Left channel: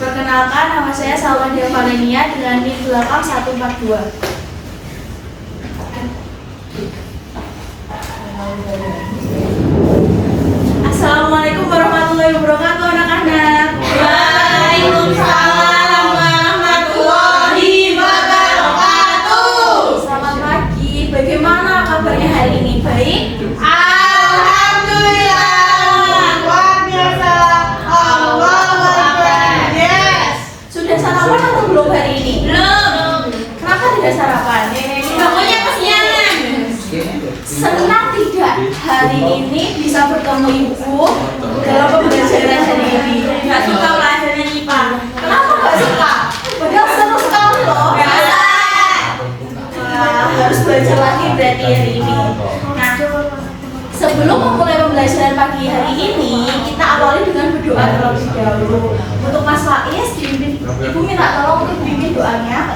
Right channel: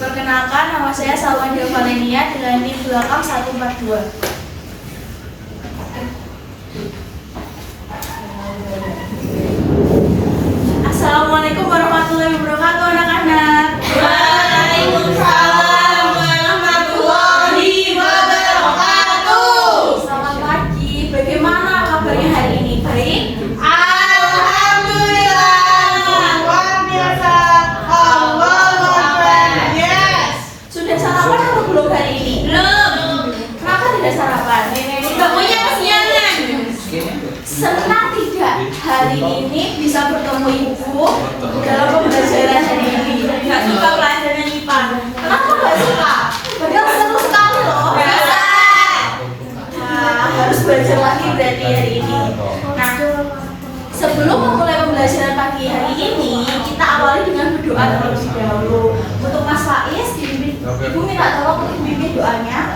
Perkenalkan, nama saya Salwandia Valenia dengan NIM 8142. Assalamualaikum warahmatullahi wabarakatuh anak-anak. Waalaikumsalam warahmatullahi wabarakatuh. Selamat pagi. Bagaimana kabarnya hari ini? Baik? Alhamdulillah. Luar biasa. Allahu Akbar. Yes. Sudah sarapan atau belum hari ini? Belum. Kenapa tidak sarapan? Bangunnya kesiangan. Senang tidak hari ini bisa bertemu ibu dalam pembelajaran hari ini? Nggak suka pelajaran IPA. Kenapa nggak suka? Padahal seru sekali loh. Harus belajar lagi berarti hari ini. Nah, sebelum memulai pembelajaran pagi hari ini, kita awali dengan berdoa terlebih dahulu. Untuk Mas Faiz, Ibu minta tolong untuk bimbing doanya.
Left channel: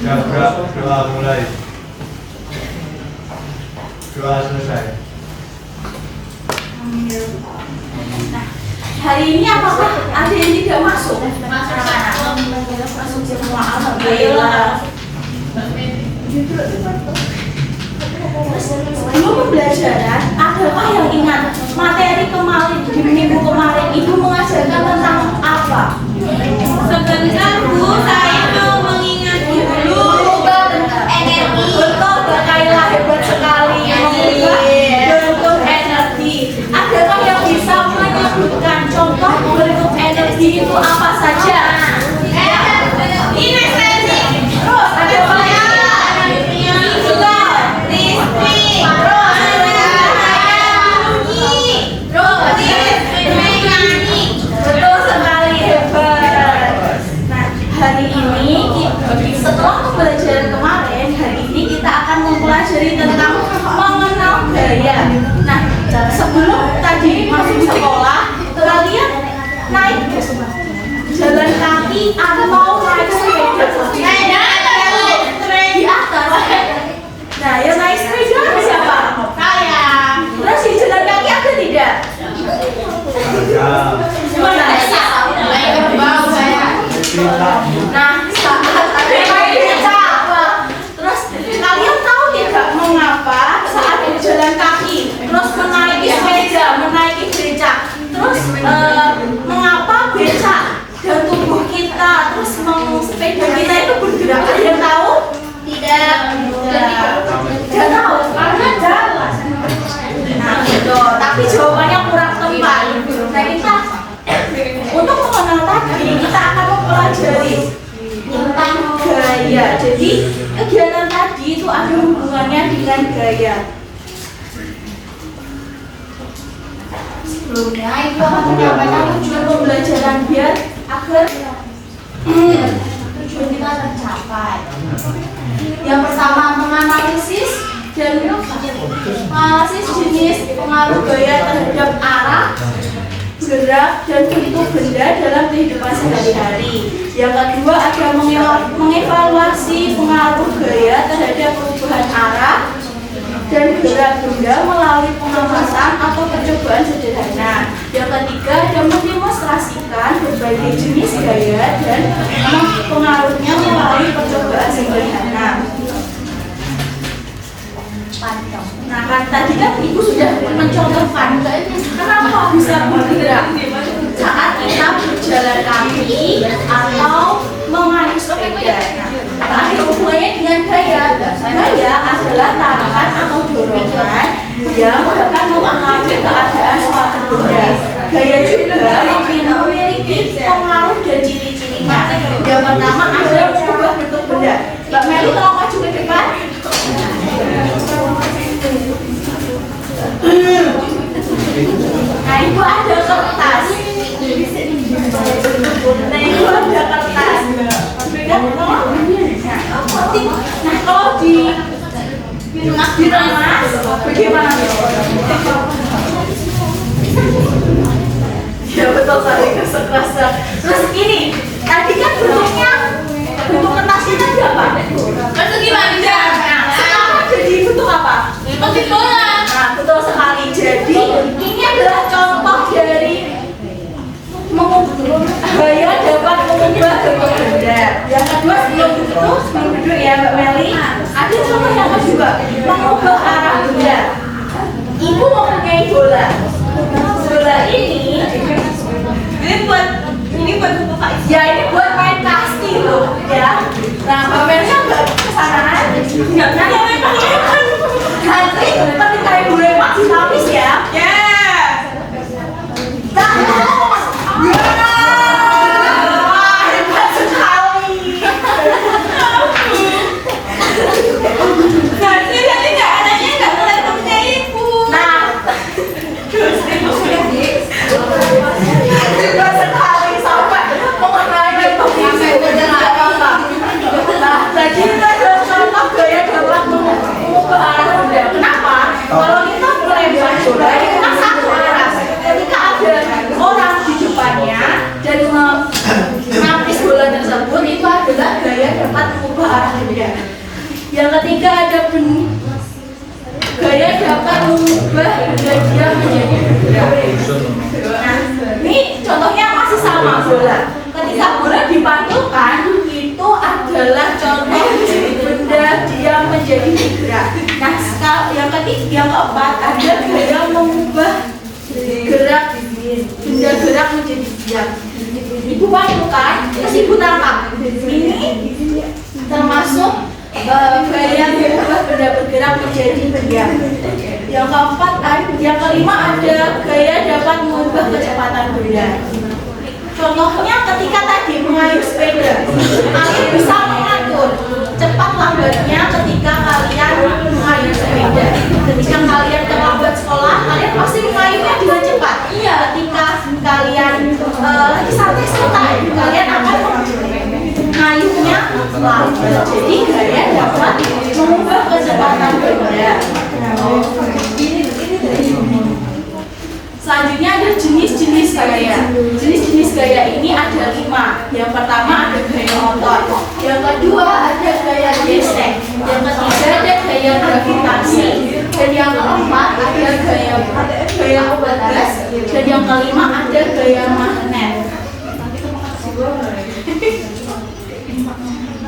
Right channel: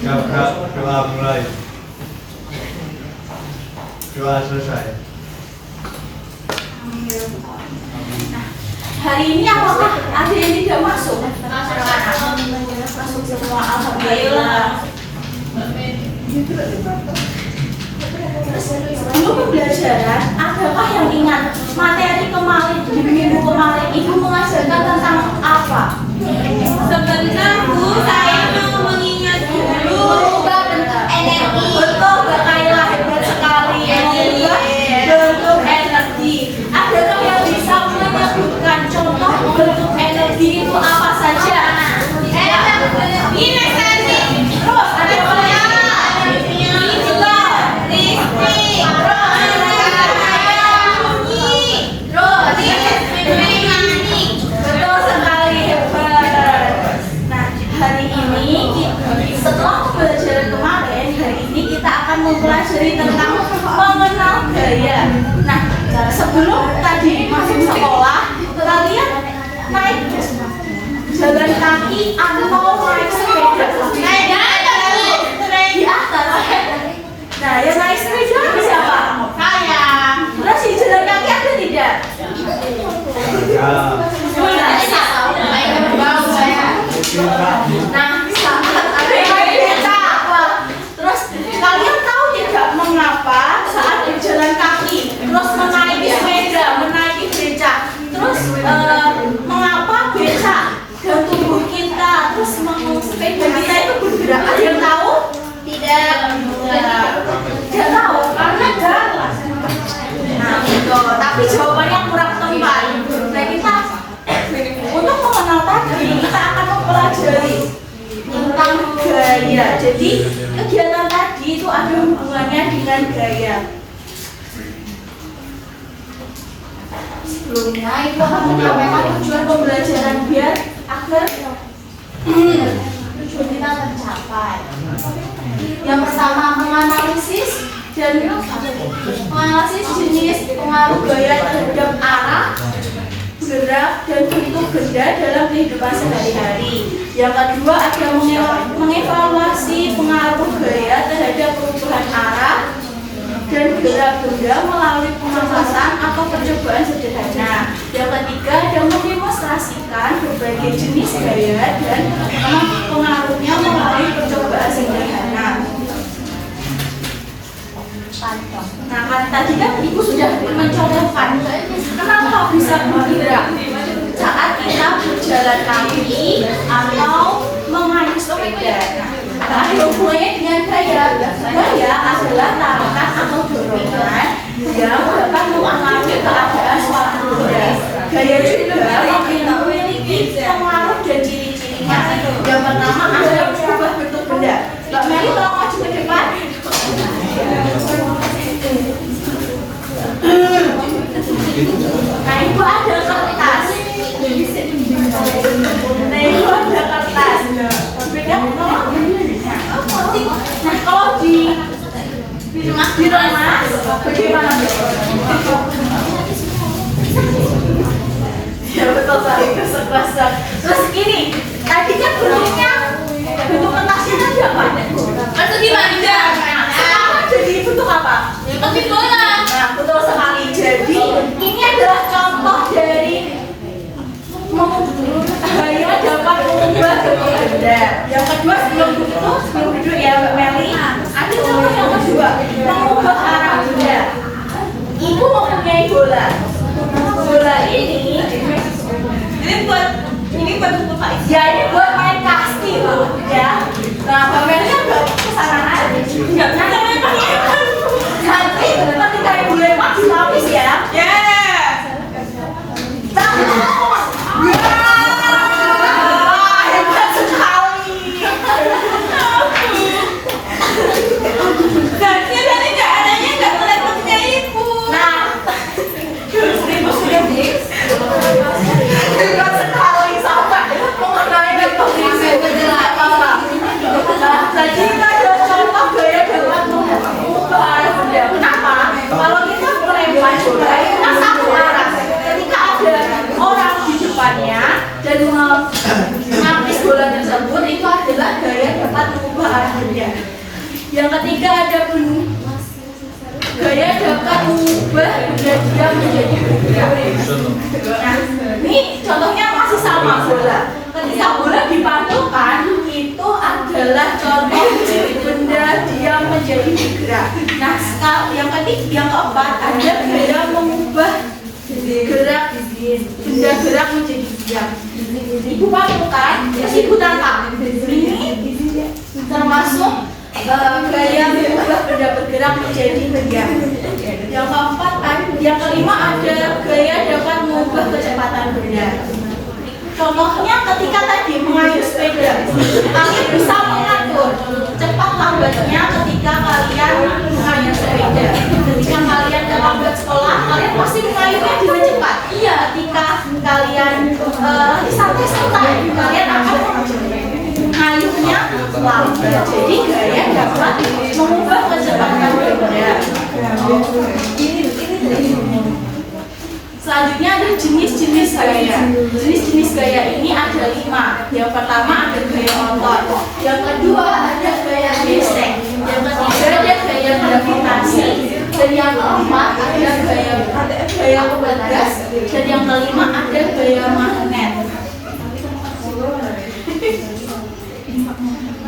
Doa mulai. Doa selesai. Nah, hari ini apakah ada yang tidak masuk? Masuk semua, alhamdulillah. Terus sebelum pembelajaran, adakah yang ingat materi kemarin di minggu kemarin Ibu mengajarkan tentang apa? Sebentar Bu, saya mau mengingat dulu. Energi. Betul, Mbak Kaila, hebat sekali. Bentuk energi. Adakah yang bisa menyebutkan contoh bentuk energi itu apa saja? Ini sesi. Terus ada apa lagi? Ini juga listrik. Terus mekanik. Betul sekali, hebat. Nah, hari ini setelah pembelajaran kemarin, hari ini kita akan mempelajari tentang mengenal gaya. Nah, sebelum tadi masuk sekolah, kalian naik jalan kaki atau naik sepeda? Di atas. Nah, yang naik sepeda siapa? Saya. Terus di jalan kaki ada tidak? Nah, saat ada yang naik beca. Terus kalian tahu tidak mengapa saat berjalan kaki, terus menaiki sepeda, menaiki beca, terus mengapa beca dan tubuh kita, terus sepeda kita itu bergerak? Ada yang tahu? Tidak. Tidak tahu karena jalan. Nah, itu. Tapi jawabannya kurang tepat. Nah, kita untuk mengenal tadi, kita akan mempelajari tentang gaya. Jadi, kegiatan tadi itu ada hubungannya dengan gaya. Sebelumnya, Ibu akan menyampaikan tujuan pembelajaran biar agar tujuan kita tercapai. Yang pertama, menganalisis dan menganalisis jenis pengaruh gaya terhadap arah, gerak, dan bentuk benda dalam kehidupan sehari-hari. Yang kedua, ada mengevaluasi pengaruh gaya terhadap perubahan arah dan gerak benda melalui pengamatan atau percobaan sederhana. Yang ketiga, ada mendemonstrasikan berbagai jenis gaya dan pengaruhnya melalui percobaan sederhana. Nah, kan tadi kan Ibu sudah mencontohkan kenapa bisa bergerak saat kita berjalan kaki atau mengayuh sepeda. Nah, ada hubungannya dengan gaya. Gaya adalah tarikan atau dorongan yang dapat mempengaruhi keadaan suatu benda. Gaya juga memiliki pengaruh dan ciri-cirinya. Yang pertama adalah mengubah bentuk benda. Mbak Meli tolong maju ke depan. Nah, Ibu ada kertas. Nah, Ibu ada kertas. Nah, kalau di rumah bagaimana? Ya betul sekali, kertas. Terus ini, tadi kan bentuk kertasnya tadi apa? Persegi panjang. Sekarang jadi bentuk apa? Persegi bola. Nah, betul sekali. Jadi ini adalah contoh dari bola. Bola ini buat buku Pak. ya ini buat main kasti loh ya. Nah pamernya nggak kesana nggak kan nanti ketika ibu lewat dinapis ya. Wah, hebat sekali. Jadi nggak adanya nggak boleh pakai ibu. Nah, hebat sekali sampai mengenai kondisi apa-apa. Nah, jadi kita ada contoh gaya dapat mengubah arah benda. Kenapa? Kalau kita melempar bola itu kan satu arah. Ketika ada orang di depannya dan menapis bola tersebut, itu adalah gaya dapat mengubah arah benda. Yang ketiga ada gaya dapat mengubah benda dia menjadi bergerak. Nah, ini contohnya masih sama bola. Ketika bola dipantulkan, itu adalah contoh dari benda dia menjadi bergerak. Nah, yang keempat ada gaya mengubah gerak benda gerak menjadi diam. Ibu pantulkan, terus ibu tangkap. Ini termasuk gaya mengubah benda bergerak menjadi diam. Yang kelima ada gaya dapat mengubah kecepatan benda. Contohnya ketika tadi mengayuh sepeda, kalian bisa mengatur cepat lambatnya ketika kalian mengayuh sepeda. Ketika kalian terlambat sekolah, kalian pasti mengayuhnya dengan cepat. Iya, ketika kalian lagi santai-santai, kalian akan mengayuhnya lambat. Jadi gaya dapat mengubah kecepatan benda. Selanjutnya ada jenis-jenis gaya. Jenis-jenis gaya ini ada 5. Yang pertama ada gaya otot. Yang kedua ada gaya gesek. Yang ketiga ada gaya gravitasi. Dan yang keempat ada gaya pegas. Dan yang kelima ada gaya magnet.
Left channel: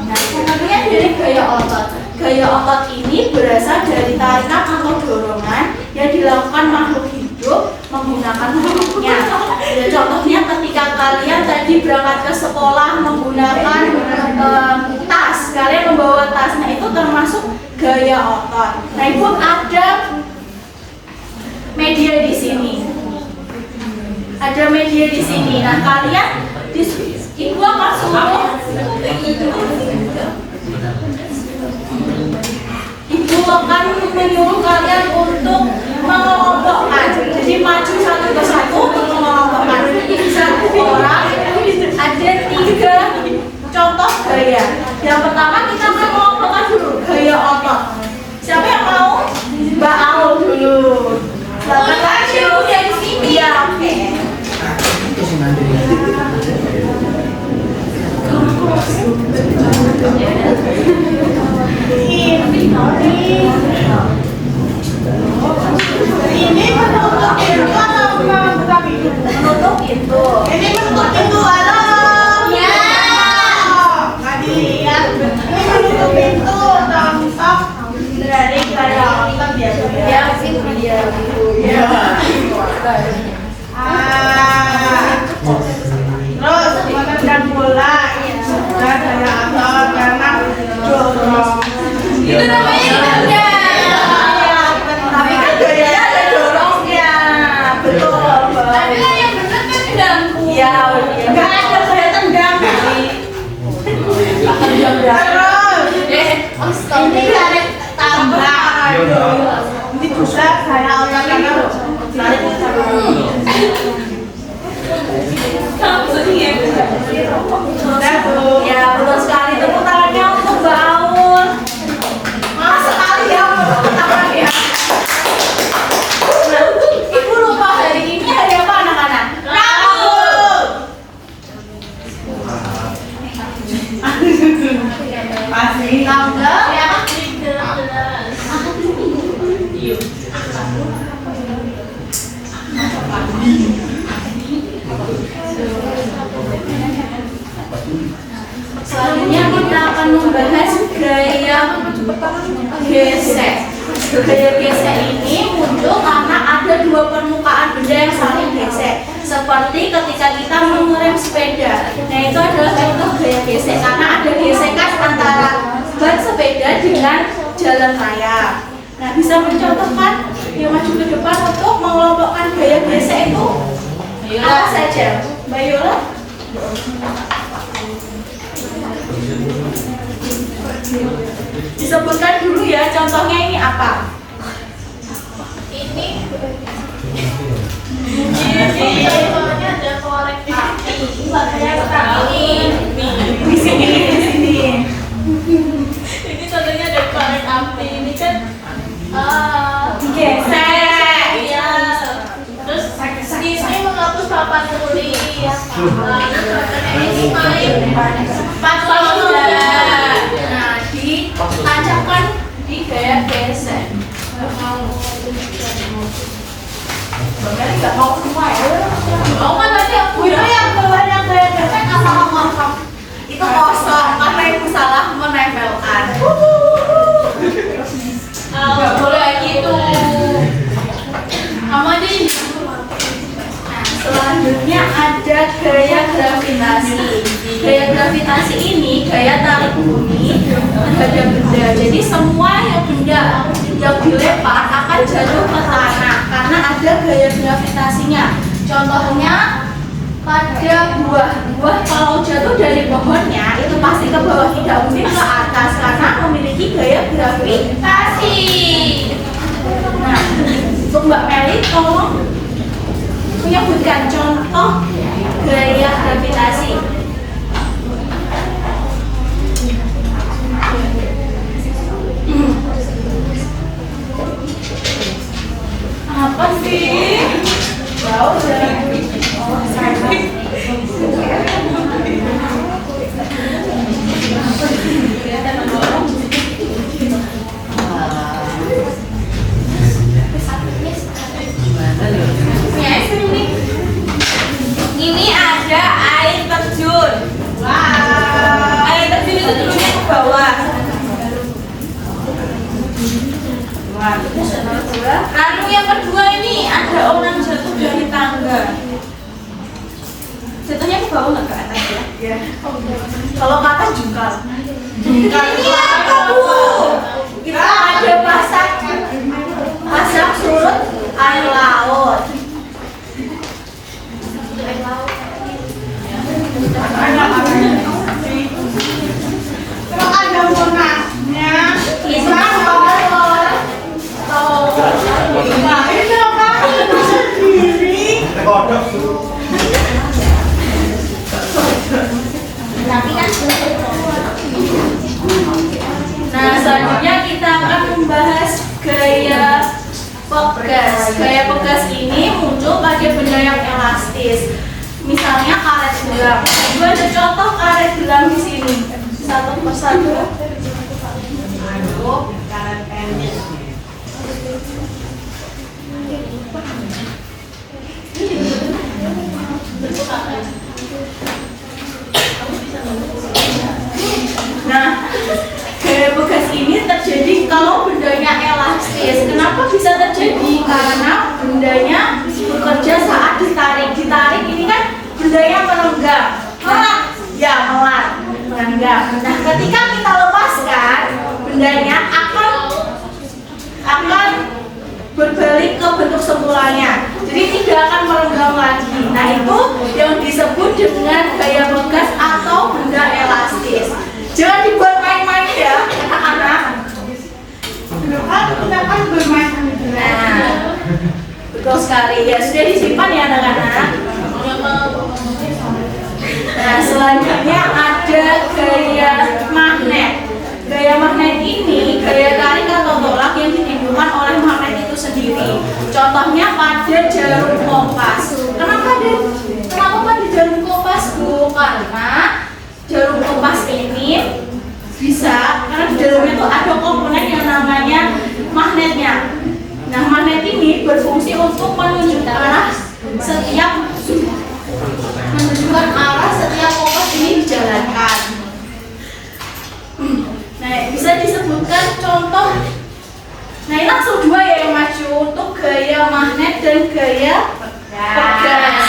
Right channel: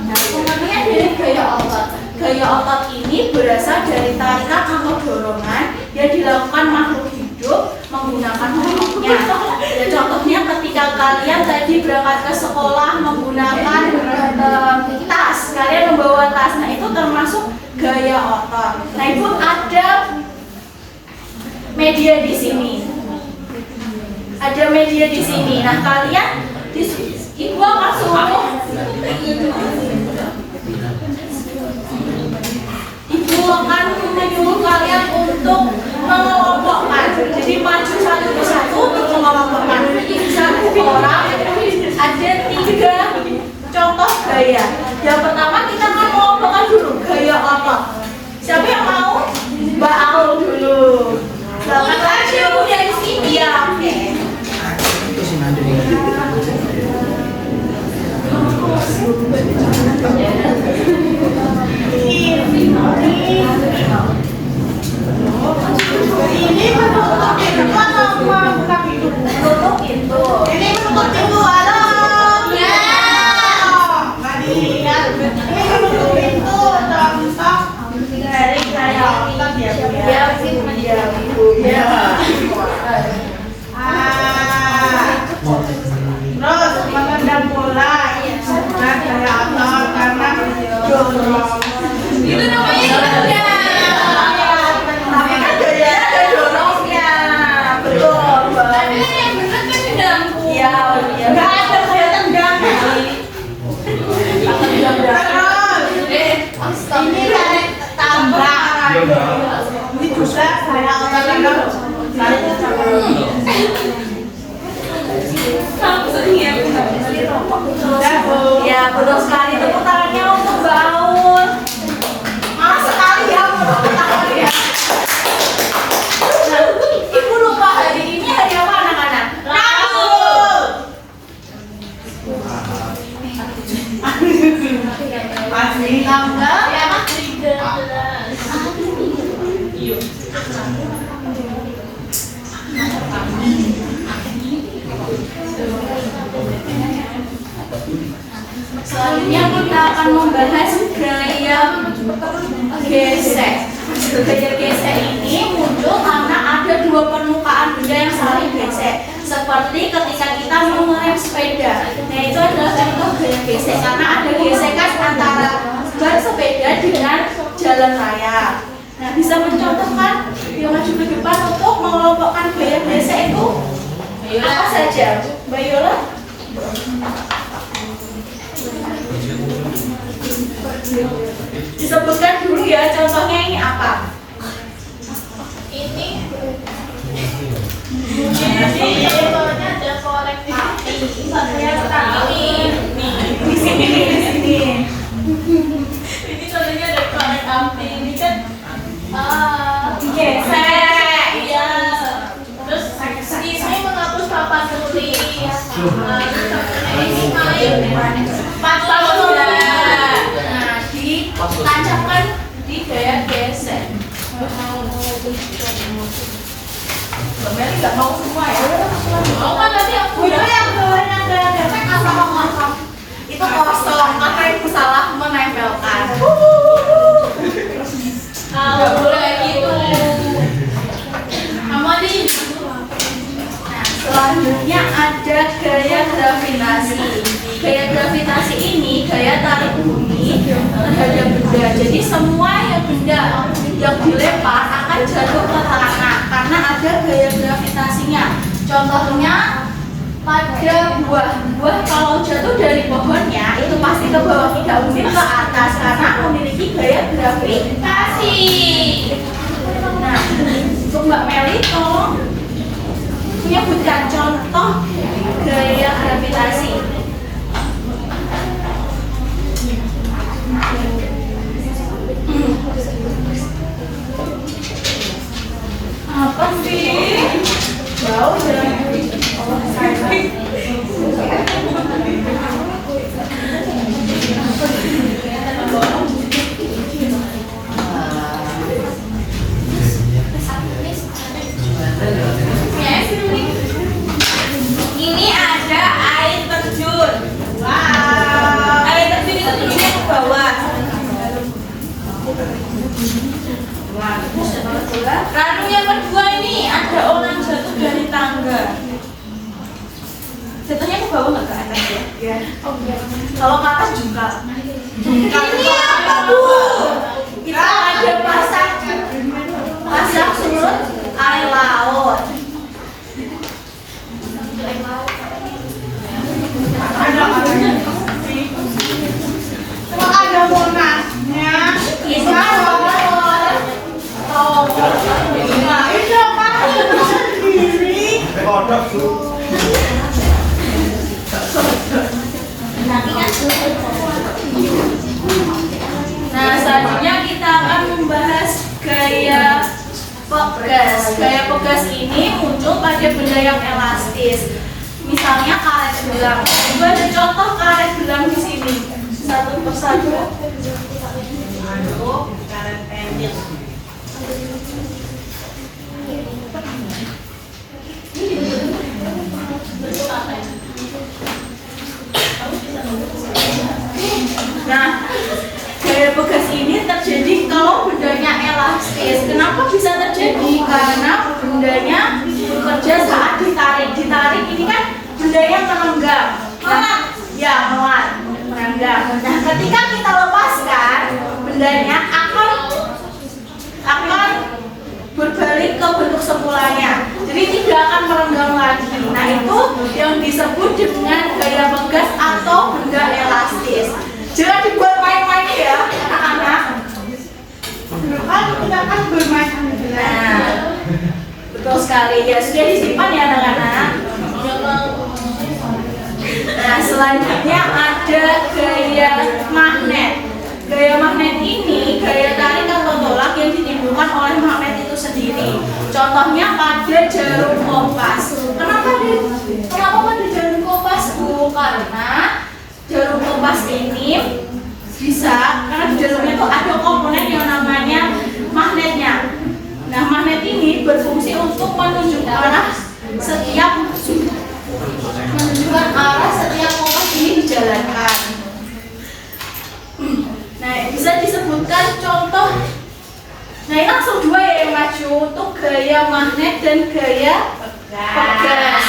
Nah, kemudian dari gaya otot. Gaya otot ini berasal dari tarikan atau dorongan yang dilakukan makhluk hidup menggunakan tutupnya. Ya, contohnya ketika kalian tadi berangkat ke sekolah menggunakan tas, kalian membawa tas, nah itu termasuk gaya otot. Nah, ibu ada media di sini. Ada media di sini. Nah, kalian ibu akan suruh ibu akan menyuruh kalian untuk mengelompokkan. Jadi maju satu persatu untuk mengelompokkan. Satu orang ada 3 contoh gaya. Yang pertama kita akan mengelompokkan dulu gaya otot. Siapa yang mau? Mbak Aul dulu. Selamat maju dari sini. Ya, oke. Ini menutup pintu apa buka pintu? Menutup pintu. Ini menutup pintu alam. Ya. Nggak dilihat. Ini menutup pintu contoh dari gaya otot ya. Ya, Bu. Ya. Terus menendang bola ini juga gaya otot karena dorong. Itu namanya gaya. Tapi kan gayanya ada dorongnya. Betul, Mbak. Tapi kan yang benar kan tendangku. Iya, iya. Nggak ada gaya tendang. Terus ini ada tabrak. Ini juga gaya otot karena kamu sedih ya? Sudah, Bu. Ya, betul sekali. Tepuk tangannya untuk Mbak Aul. Malah sekali ya tepuk tangannya. Nah, Ibu lupa hari ini hari apa anak-anak? Rabu. Masih Tanggal ya? 13. Selanjutnya kita akan membahas seperti ketika kita mengerem sepeda. Nah, itu adalah contoh gaya gesek karena ada gesekan antara ban sepeda dengan jalan raya. Nah, bisa mencontohkan dia maju ke depan untuk mengelompokkan gaya gesek itu apa saja, Mbak Yola? Disebutkan dulu ya, contohnya ini apa? Ini ada korek api. Di sini. ini contohnya ada korek api. Ini kan Digesek. iya. Terus ini menghapus papan tulis. Ini main papan tulis. Nah, ditancapkan di gaya gesek. Mbak Meli nggak mau semua ya? Mau kan nanti aku Itu yang bawah yang gaya gesek apa kosong? Itu kosong, apa ibu salah menempelkan? nggak boleh kayak gitu. Kamu aja ini. Nah, selanjutnya ada gaya gravitasi. Gaya gravitasi ini gaya tarik bumi terhadap benda. Jadi semua yang benda yang dilempar akan jatuh ke tanah karena ada gaya gravitasinya. Contohnya pada buah kalau jatuh dari pohonnya itu pasti ke bawah, tidak mungkin ke atas karena memiliki gaya gravitasi. Nah, untuk Mbak Meli tolong menyebutkan contoh gaya gravitasi. Apa sih? Jauh dari Ini ada air terjun. wow. Air terjun itu turunnya ke bawah. Lalu yang kedua ini ada orang jatuh dari tangga. Jatuhnya ke bawah nggak ke atas ya? Ya. Kalau kata juga. Ini apa Bu? Kita ada pasang surut air laut. Kalau ada monasnya, Itu kan motor. nah itu kan sendiri. Kodok. Nah, selanjutnya kita akan membahas gaya pegas. Gaya pegas ini muncul pada benda yang elastis. Misalnya karet gelang. Itu ada contoh karet gelang di sini. Satu persatu. Karet pendek. Nah, gaya pegas ini terjadi kalau bendanya elastis. Kenapa bisa terjadi? Karena bendanya bekerja saat ditarik. Ditarik ini kan bendanya menenggak. Nah, ya melan, menenggak. Nah, ketika kita lepaskan, bendanya akan berbalik ke bentuk semulanya. Jadi tidak akan merenggang lagi. Nah, itu yang disebut dengan gaya pegas atau benda elastis. Jangan dibuat main-main ya, anak-anak. Kan kita kan bermain sama Nah, betul sekali. Ya, sudah disimpan ya anak-anak. Nah, selanjutnya ada gaya magnet. Gaya magnet ini gaya tarik atau tolak yang ditimbulkan oleh magnet itu sendiri. Contohnya pada jarum kompas. Kenapa pada jarum kompas, Bu? Karena jarum kompas ini bisa, karena di dalamnya itu ada komponen yang namanya magnetnya. Nah, magnet ini berfungsi untuk menunjukkan arah setiap kompas ini dijalankan. Nah, bisa disebutkan contoh. Nah, ini langsung dua ya yang maju untuk gaya magnet dan gaya pegas.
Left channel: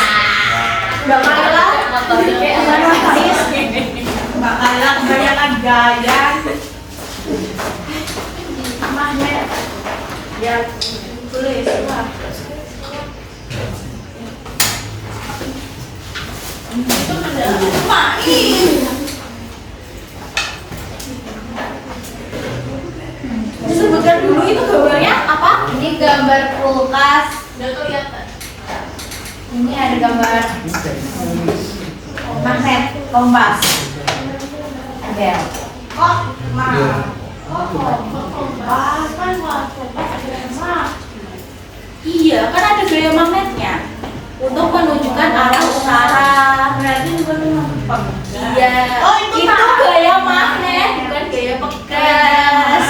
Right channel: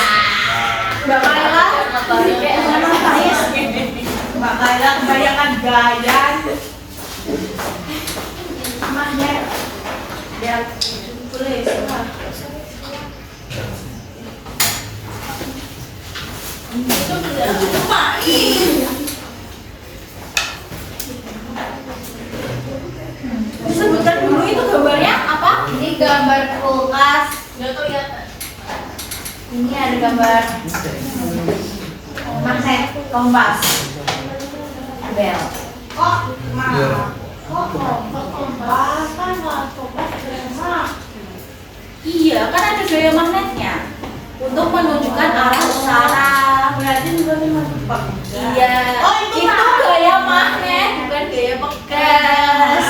pemindaian magnet yang tulis lah. Itu benda main. Disebutkan dulu itu gambarnya apa? Ini gambar kulkas. Ini ada gambar magnet kompas. Bel. Kok kompas kan kompas mah. Iya, kan ada gaya magnetnya untuk menunjukkan arah utara. Berarti bukan memang. Iya. Oh, itu gaya magnet, bukan gaya pegas.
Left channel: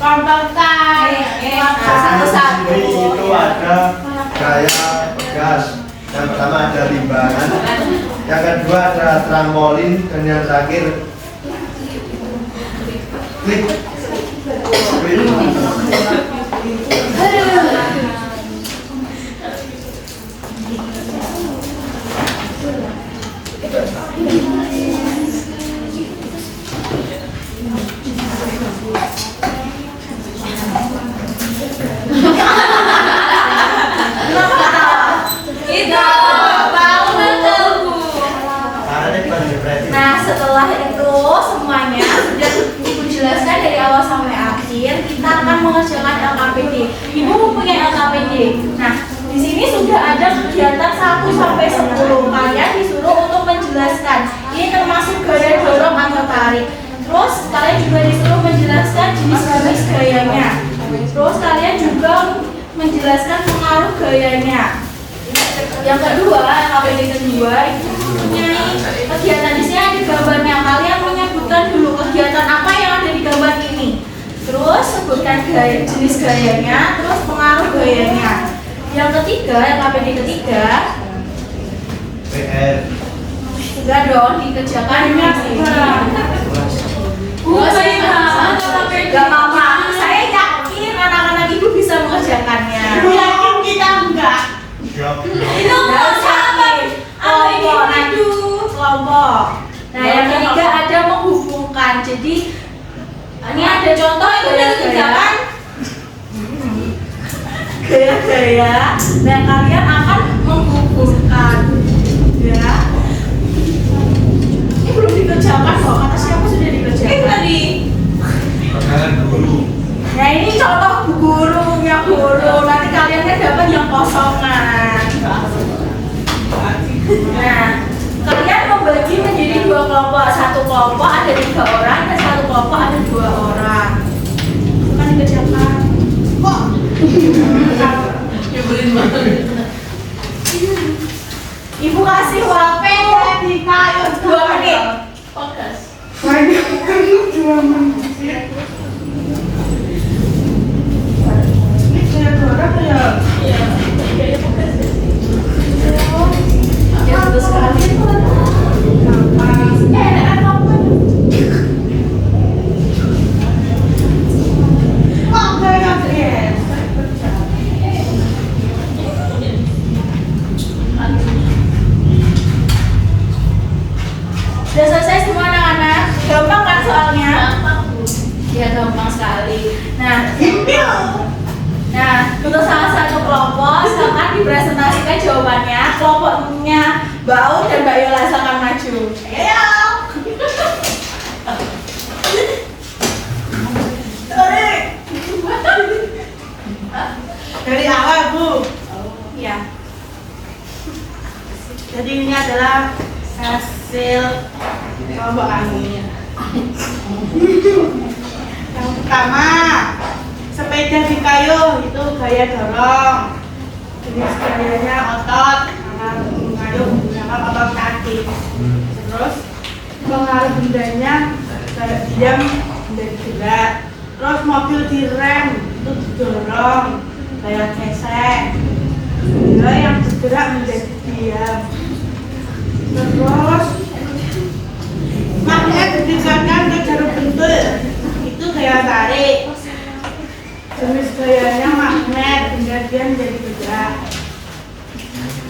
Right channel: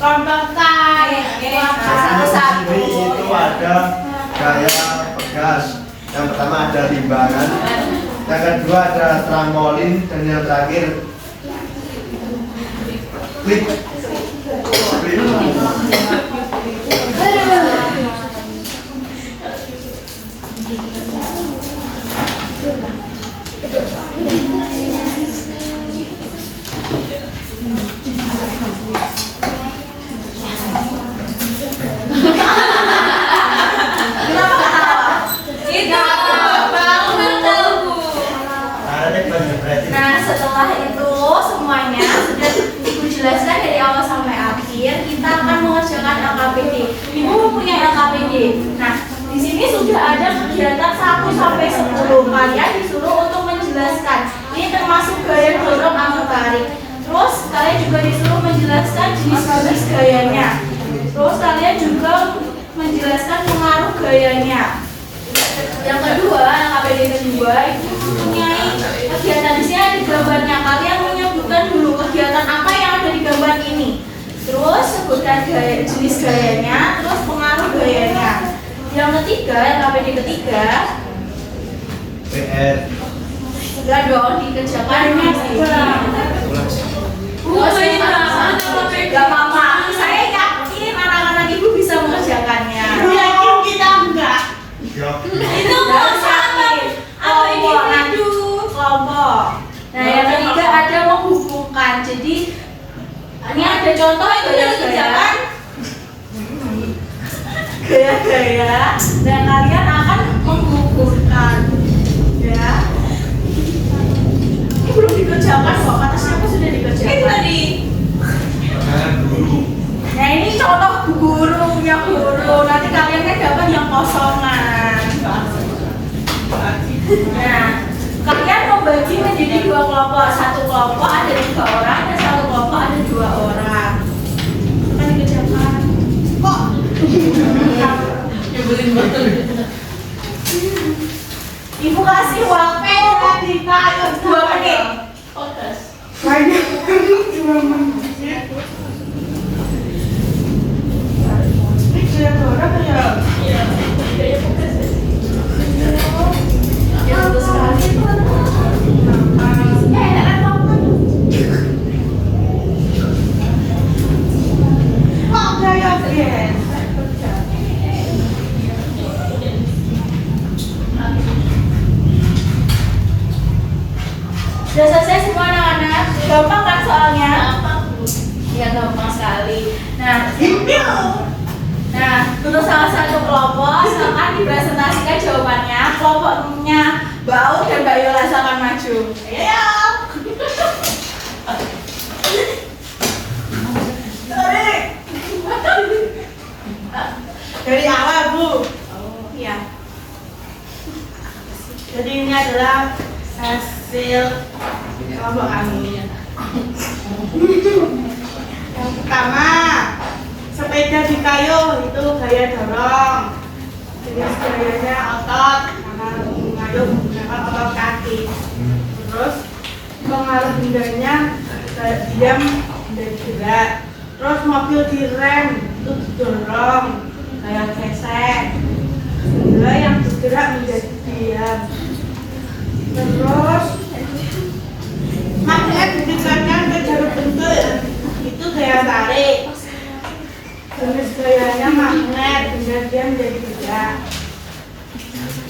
Kompas Satu-satu. Di sini itu ada gaya pegas. Yang pertama ada limbangan, yang kedua ada trampolin, dan yang terakhir klik. Nah, setelah itu semuanya sudah Ibu jelaskan dari awal sampai akhir, kita akan mengerjakan LKPD. Ibu mempunyai LKPD. Nah, di sini sudah ada kegiatan 1 sampai 10. Kalian disuruh untuk menjelaskan. Ini termasuk gaya dorong atau tarik. Terus kalian juga disuruh menjelaskan jenis-jenis gayanya. Terus kalian juga menjelaskan pengaruh gayanya. Yang kedua, LKPD kedua itu mempunyai kegiatan. Di sini ada gambarnya. Kalian menyebutkan dulu kegiatan apa yang ada di gambar ini. Terus sebutkan jenis gayanya, terus pengaruh gayanya. Yang ketiga, LKPD ketiga, PR. enggak dong, dikerjakan di sini. Gak apa-apa. Saya yakin anak-anak ibu bisa mengerjakannya. yakin kita enggak. Siap. Itu kelompok nanti kelompok. Nah, yang ketiga ada menghubungkan. Jadi ini ada contoh itu yang dikerjakan gaya-gaya. Dan kalian akan menghubungkan, ya. Ini belum dikerjakan kok. Kata siapa sudah dikerjakan? Tadi. Pertanyaan guru. Nah, ini contoh gurunya guru. Nanti kalian kan dapat yang kosongan. Nah, kalian membagi menjadi 2 kelompok. Satu kelompok ada 3 orang dan satu kelompok ada 2 orang. Akan dikerjakan. Kok Nyebelin banget. Ibu kasih waktu di kayu 2 menit. Fokus. banyak kali 2 menit. Ini gaya dorong ya? Iya, gaya fokus. Ya, terus sekali. Kok gaya biasa? Sudah selesai semua anak-anak? Gampang kan soalnya? Gampang. Ya, gampang sekali. Nah, untuk salah satu kelompok silakan dipresentasikan jawabannya. Kelompoknya Mbak Aun dan Mbak Yola silakan maju. Ayo. Sorry. Dari awal, Bu. Ya. Jadi ini adalah hasil kelompok kami. Yang pertama, sepeda di kayu itu gaya dorong. Jenis gayanya otot karena mengayuh menggunakan otot kaki. Terus pengaruh bendanya kayak diam menjadi gerak. Terus mobil direm itu didorong kayak gesek. Benda yang bergerak menjadi diam. Terus magnet didekatkan ke jarum bentul itu gaya tarik. Jenis gayanya magnet, benda dia menjadi gerak.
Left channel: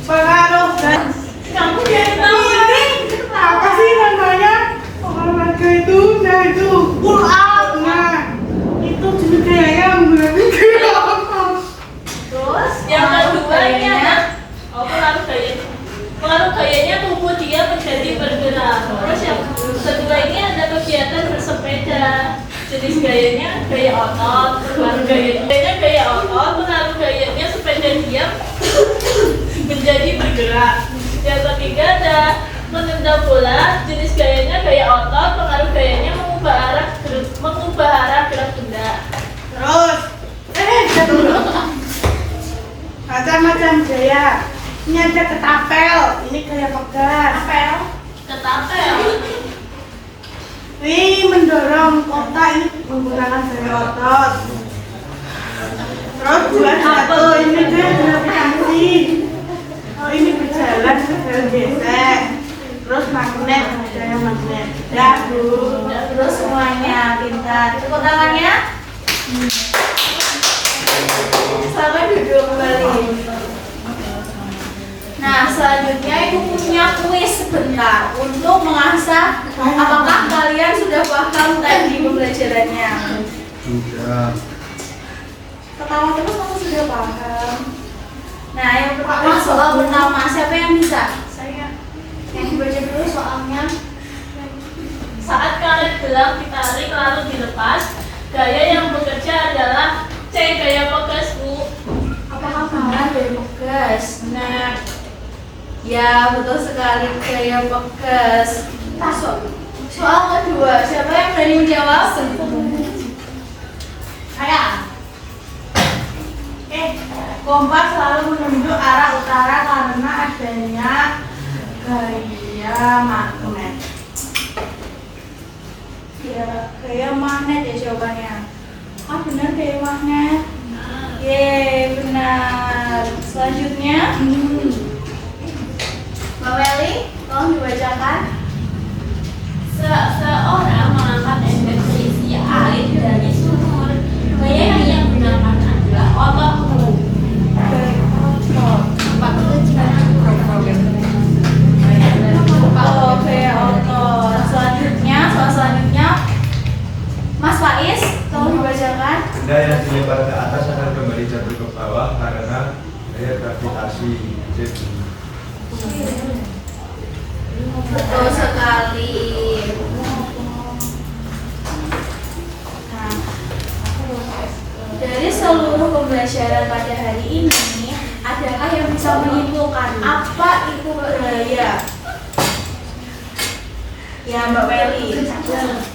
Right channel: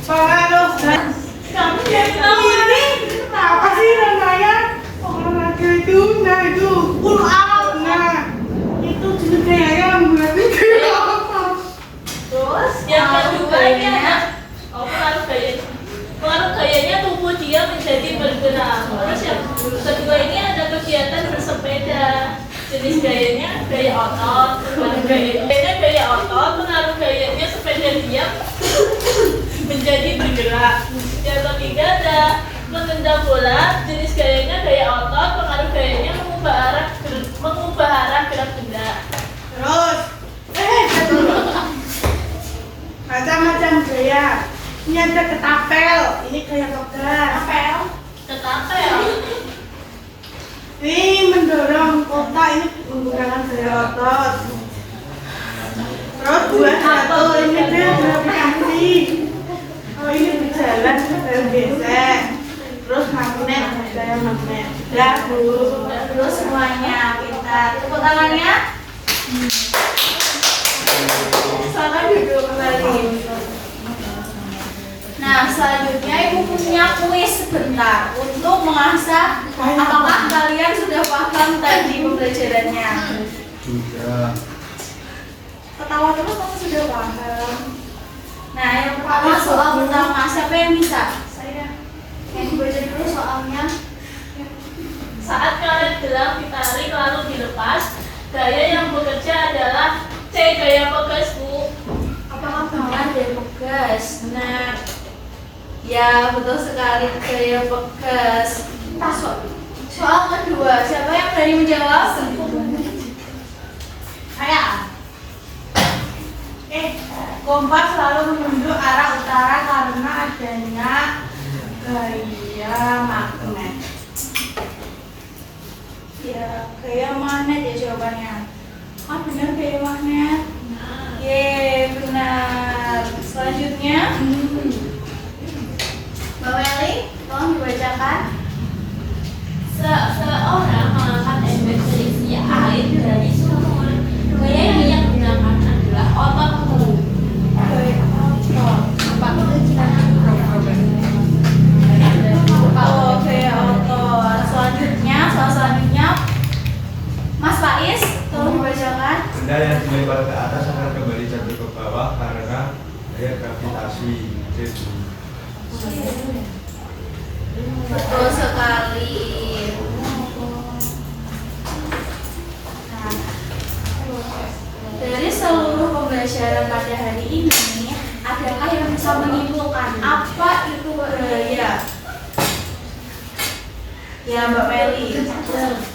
Pengaruh dan Kamu yang Terus Yang kedua ini gayanya. ada pengaruh gayanya. Pengaruh gayanya tubuh dia menjadi bergerak. Terus yang kedua ini ada kegiatan bersepeda. Jenis gayanya gaya otot, pengaruh gayanya gaya otot, pengaruh gayanya sepeda diam menjadi bergerak. Yang ketiga ada menendang bola, jenis gayanya gaya otot, pengaruh gayanya mengubah arah gerak benda. Terus, dulu. Macam-macam gaya. Ini ada ketapel, ini gaya pegas. Apel. Ketapel. Ini mendorong kotak, ini menggunakan gaya otot. Terus buat satu, ini dia gravitasi. Oh, ini berjalan gesek. Terus magnet, gaya magnet. Ya, Bu. Terus semuanya pintar. Tepuk tangannya. Selamat duduk kembali. Nah, selanjutnya ibu punya kuis sebentar untuk mengasah apakah kalian sudah paham tadi pembelajarannya. Sudah. Ketawa terus kamu sudah paham. Nah, yang pertama soal pertama, siapa yang bisa? Saya. Yang baca dulu soalnya. Saat karet gelang ditarik lalu dilepas, gaya yang bekerja adalah C. Gaya pegas, Bu. Apakah benar dari pegas? Benar. Ya, betul sekali gaya pegas. Soal kedua, siapa yang berani menjawab? Saya. Kompas selalu menunjuk arah utara karena adanya gaya magnet. Ya, gaya magnet ya jawabannya. Ah, benar gaya magnet. Yeay, benar. Selanjutnya, Mbak Weli, tolong dibacakan. Seseorang mengangkat ember berisi air dari sumur. Gaya yang ia gunakan adalah ototku. Oh, gaya otot. Selanjutnya, Mas Faiz, tolong dibacakan. Benda yang dilempar ke atas akan kembali jatuh ke bawah karena gaya gravitasi. Betul sekali. Nah, dari seluruh pembelajaran pada hari ini, adakah yang bisa menyimpulkan apa itu gaya? Ya, Mbak Meli.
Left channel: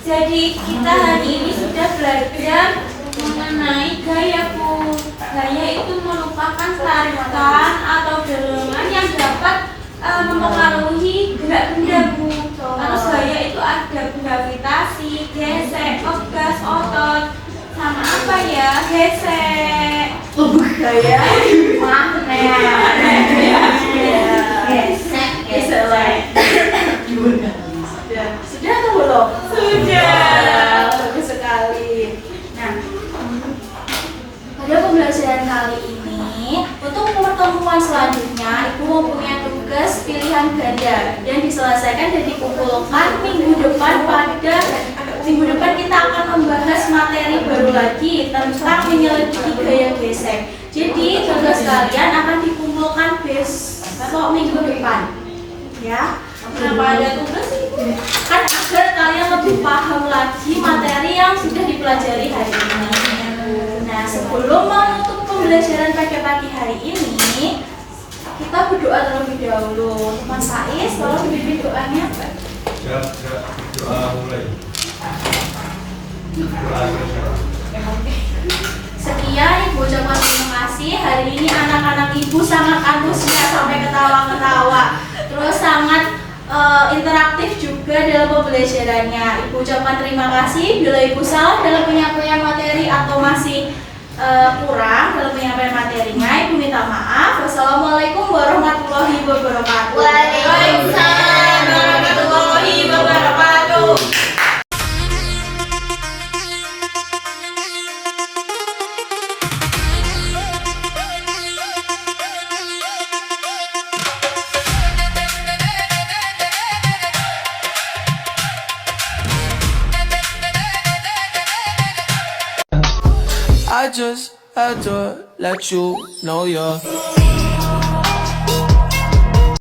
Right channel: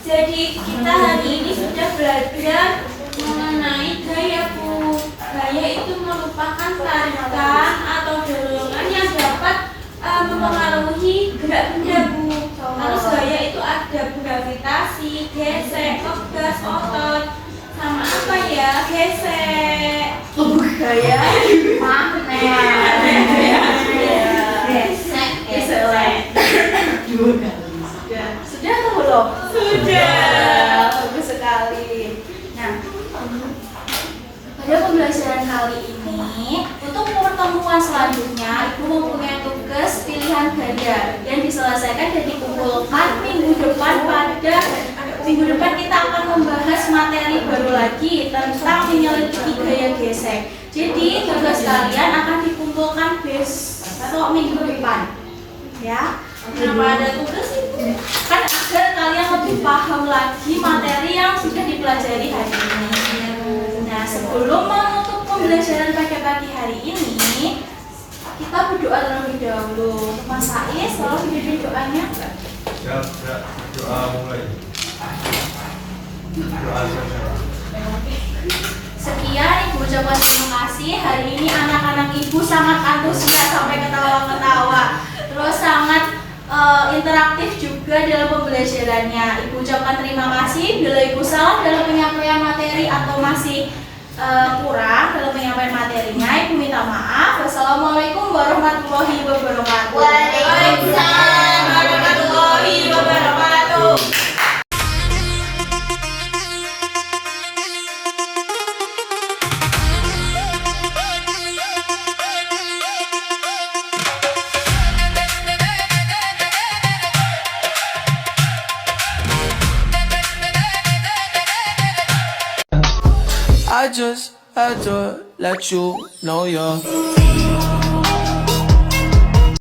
Jadi kita hari ini sudah belajar mengenai gaya, Bu. Gaya itu merupakan tarikan atau dorongan yang dapat mempengaruhi gerak benda, Bu. Terus gaya itu ada gravitasi, gesek, pegas, otot, sama apa ya? Gesek. Gaya magnet. Gesek, gesek. Sudah atau belum? Sudah. Bagus sekali. Nah, pada pembelajaran kali ini, untuk pertemuan selanjutnya, Ibu mempunyai tugas pilihan ganda yang diselesaikan dan dikumpulkan minggu depan. Pada minggu depan kita akan membahas materi baru lagi tentang menyelidiki gaya gesek. Jadi tugas kalian akan dikumpulkan besok minggu depan, ya. Kenapa ada tugas itu? Kan agar kalian lebih paham lagi materi yang sudah dipelajari hari ini. Nah, sebelum menutup pembelajaran pada pagi hari ini, kita berdoa terlebih dahulu. Mas Faiz, tolong dipimpin doanya. Siap, doa mulai. Doa selesai. Sekian, Ibu ucapkan terima kasih. Hari ini anak-anak Ibu sangat antusias sampai ketawa-ketawa. Terus sangat interaktif juga dalam pembelajarannya. Ibu ucapkan terima kasih. Bila Ibu salah dalam penyampaian materi atau masih kurang dalam penyampaian materinya, Ibu minta maaf. Wassalamualaikum warahmatullahi wabarakatuh. Waalaikumsalam warahmatullahi wabarakatuh. I just adore, let you know you're